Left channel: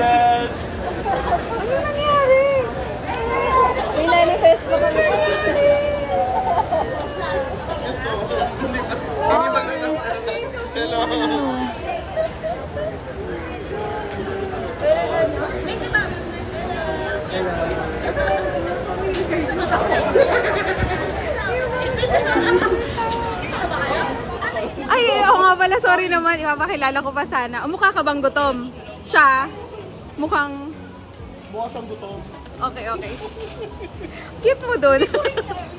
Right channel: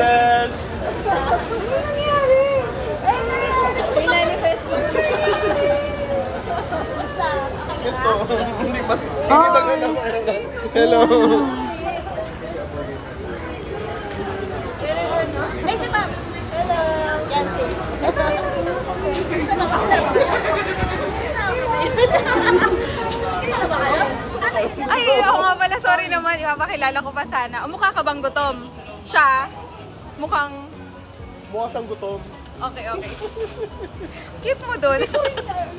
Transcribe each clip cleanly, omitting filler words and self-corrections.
Des! Ano nangyari? May manifest mo na Hello! Ay, ako nga pala, sorry naman. Ipapakilala ko pa sana. Mukha ka bang gutom? Siya? Mukhang... Mukha siyang gutom. Okay, okay. Cute mo dun.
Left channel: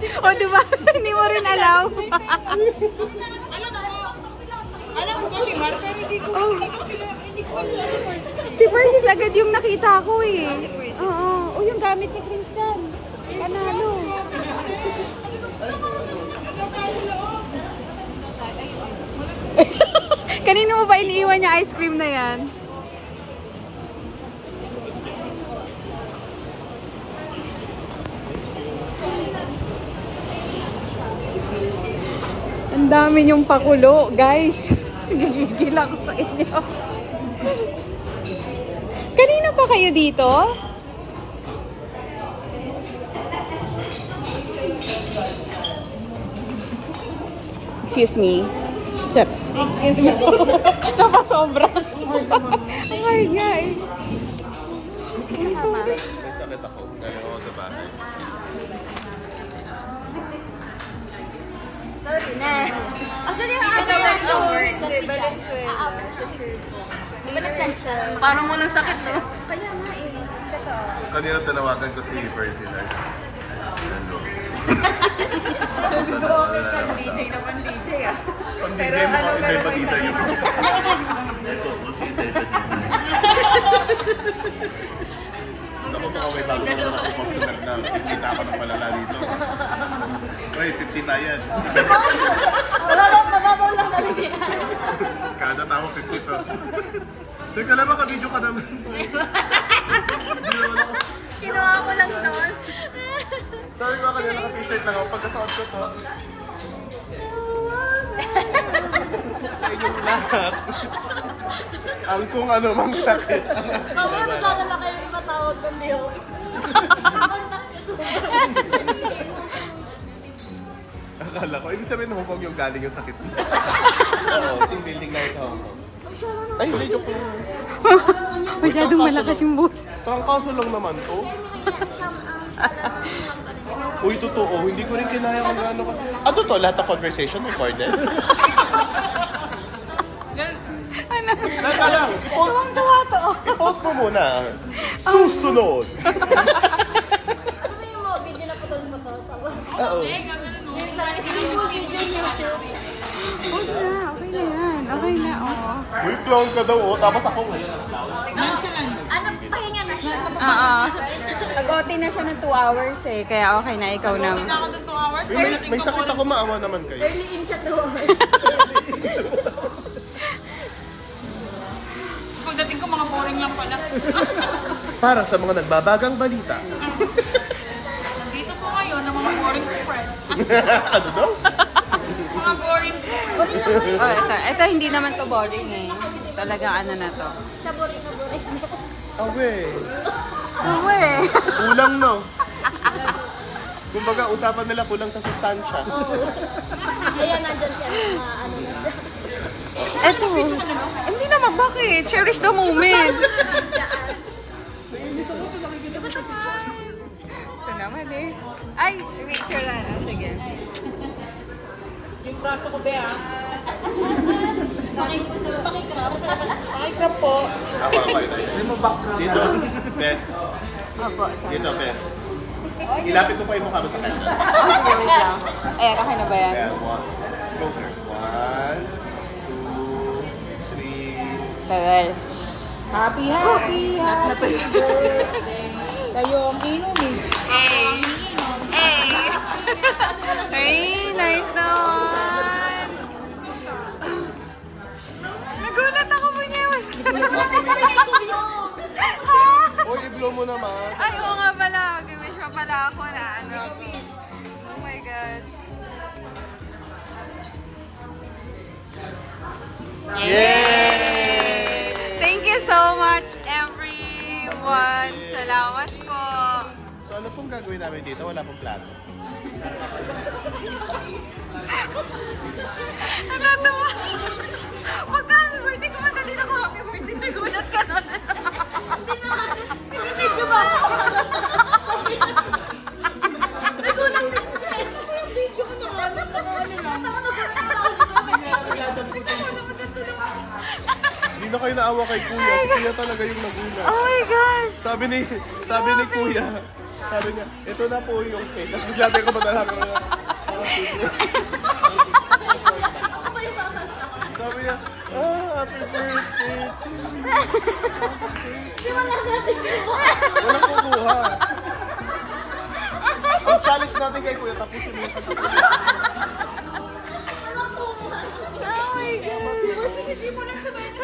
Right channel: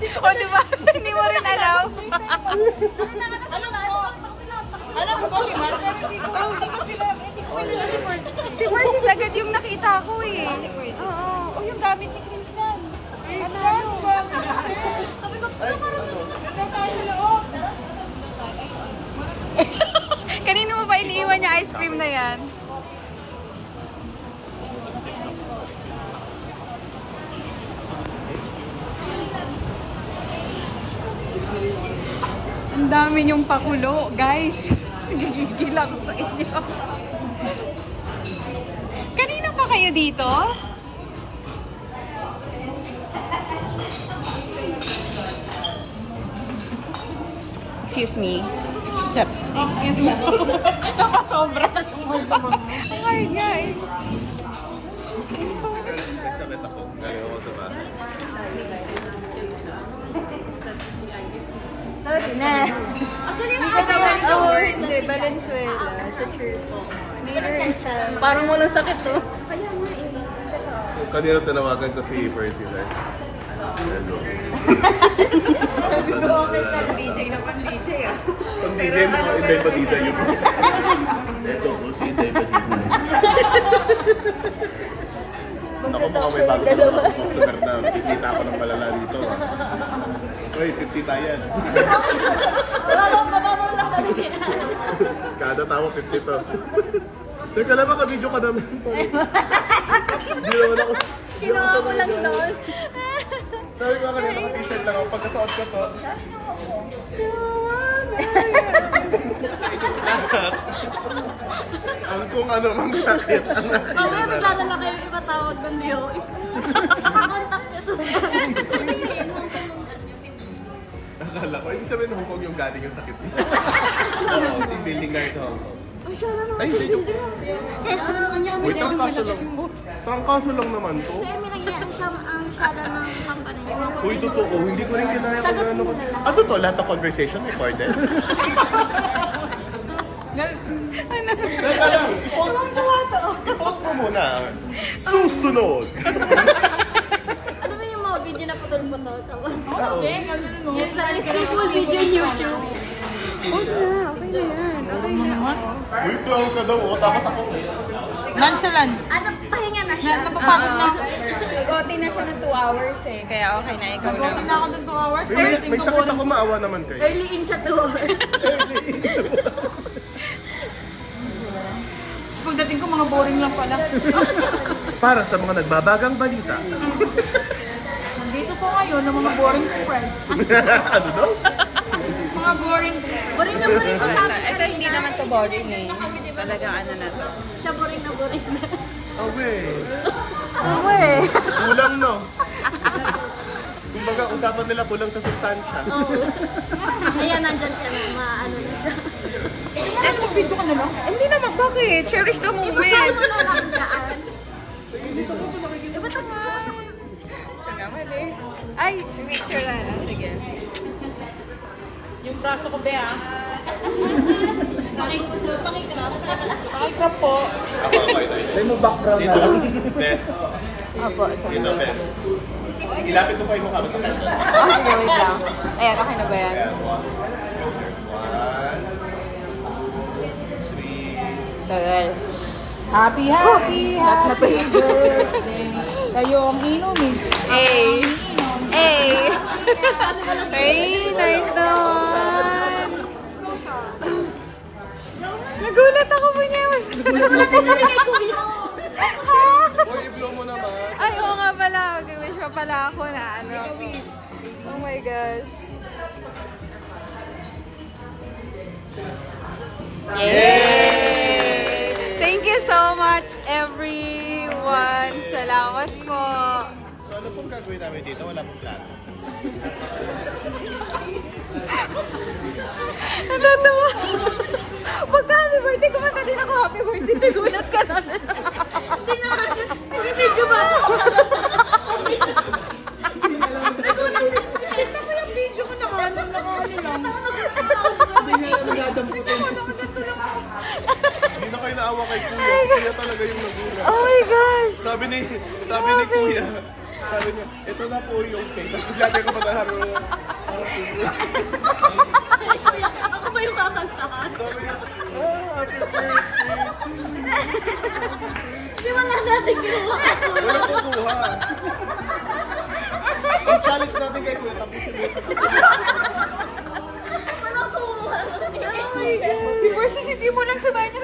O, diba? Hindi mo rin alam. Alam mo ko rin, pero hindi ko kilala si Percy. Si Percy agad yung nakita ko eh. Oo. O, yung gamit ni Christian. Christian? Kanino mo ba iniiwan niya ice cream na yan? Ang dami niyong pakulo, guys. Gigigil ako sa inyo. Kanino pa kayo dito? Excuse me. Excuse me. Kapasobra. Ay, guys. Sakit ako. Dalawa sa bahay. Parang walang sakit, to. Kanina tanawagan ko si Percy na. Hello. DJ na pan-DJ ah. Pag DJ mo, Inday Badida yung process. Ito po si Inday Badida. Magta-talk show yung dalawa. Customer na, kikita ako ng malala rito. Hoy, 50 tayan. Kada tao 50 to. Teka lang, maka-video ka naman. Hindi naman ako. Kinuha ko lang doon. Sabi ko kanina, naka-t-shirt lang ako. Pagkasuot ko to. Ang kung ano mang sakit ang nakinagala. Naglalala kayo yung matawag ng Diyon. Akala ko, ibig sabihin Hong Kong yung galing yung sakit mo. Yung building na sa Hong Kong. Ay, hindi joke lang. Masyadong malakas yung boses. Parang kaso lang naman to. Uy, totoo. Hindi ko rin kinaya kung gano'n ko. Ah, totoo? Lahat ng conversation recorded? Ano? Teka lang. Tuwang-tuwa to. I-post mo muna. Susunod. Ano ba yung mga video na putol mo to? Oo. Okay na, okay na yan. Okay na, oo. Uy, clown ka daw. O, tapos ako. Nonchalant. Pahinga na siya. Oo. Nag-OT na siya ng 2 hours eh. Kaya okay na, ikaw na. Nag-OT na ako ng 2 hours. May sakit ako, maawa naman kayo. Early in siya 2 hours. Pagdating ko, mga boring lang pala. Para sa mga nagbabagang balita. Nandito po ngayon ng mga boring friends. Ano daw? Mga boring friends. Oh, ito hindi naman to boring eh. Talaga ano na to. Okay. Okay. Kulang no. Yung baga, usapan nila kulang sa sustansya. Ayan, nandun siya. Ito, video ka naman. Hindi naman, bakit? Cherish the moment. Ito naman eh. Ay, picture na. Sige. Yung braso ko, Bea. May mo background na. Best. Opo, sorry. Yun ang best. Ilapit mo pa yung mukha mo sa camera. Ah, sige, wait lang. Ayan, okay na ba yan? Ayan, closer. 1, 2, 3. Tagal. Happy, happy. Not na to yun. Ayong inom eh. Hey! Hey! Hey, nice naman! Nagulat ako po niya. Nagulat ako rin ito. Uy, i-blow mo naman. Ay, oo nga pala. Mag-wish pa pala ako na ano. Oh my gosh. Yay! Thank you so much, every everyone. Salamat po. So ano pong gagawin namin dito? Wala pong plano. Natatawa. Pagka-happy birthday, kumanta din ako happy birthday. Nagulat ka na. Hindi na. Video ba? Tignan mo yung video ko sa kanan. Nakaano lang. Hindi na kayo naawa kay Kuya. Kuya talaga yung nagulat. Oh my gosh. Sabi ni Kuya. Sabi niya, ito na po yung cake. Tapos bigla ko maghahabi na. Ako ba yung kakanta ka? Sabi niya, oh, happy birthday. Di ba nga natin ginawa? Wala kukuha. Ang challenge natin kay Kuya. Tapos sumunod. Oh my God. Si Marcy, hindi mo lang sabay na